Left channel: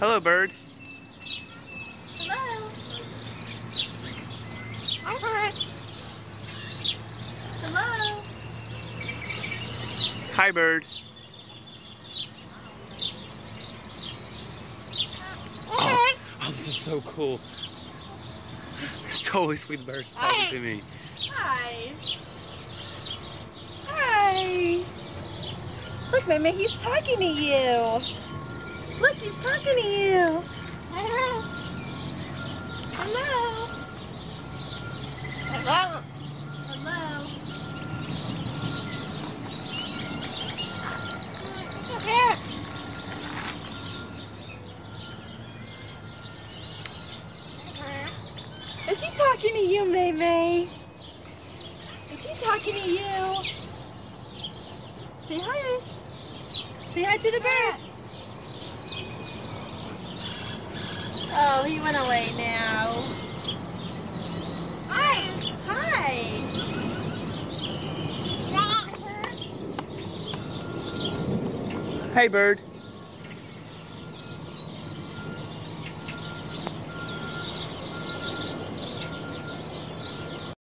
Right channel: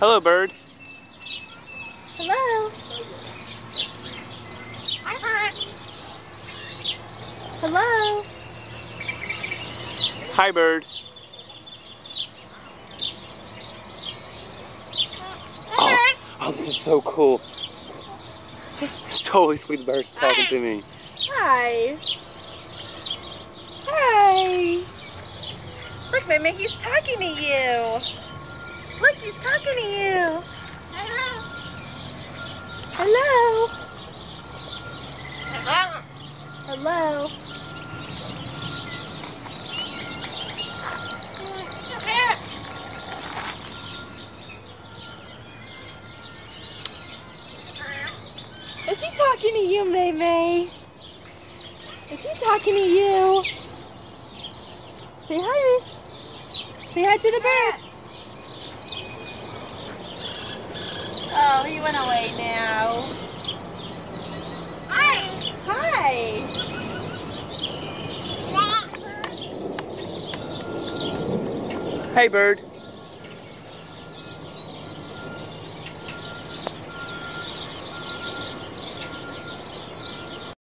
Hello, bird. Hello. Hi. Hello. Hi, bird. Oh, this is so cool. It's totally sweet bird talking to me. Hi. Hi. Look, Mimi, he's talking to you. Look, he's talking to you. Hello. Hello. Hello. Is he talking to you, Maymay? Is he talking to you? Say hi. Say hi to the bird. Oh, he went away now. Hi. Hi. Hey, bird.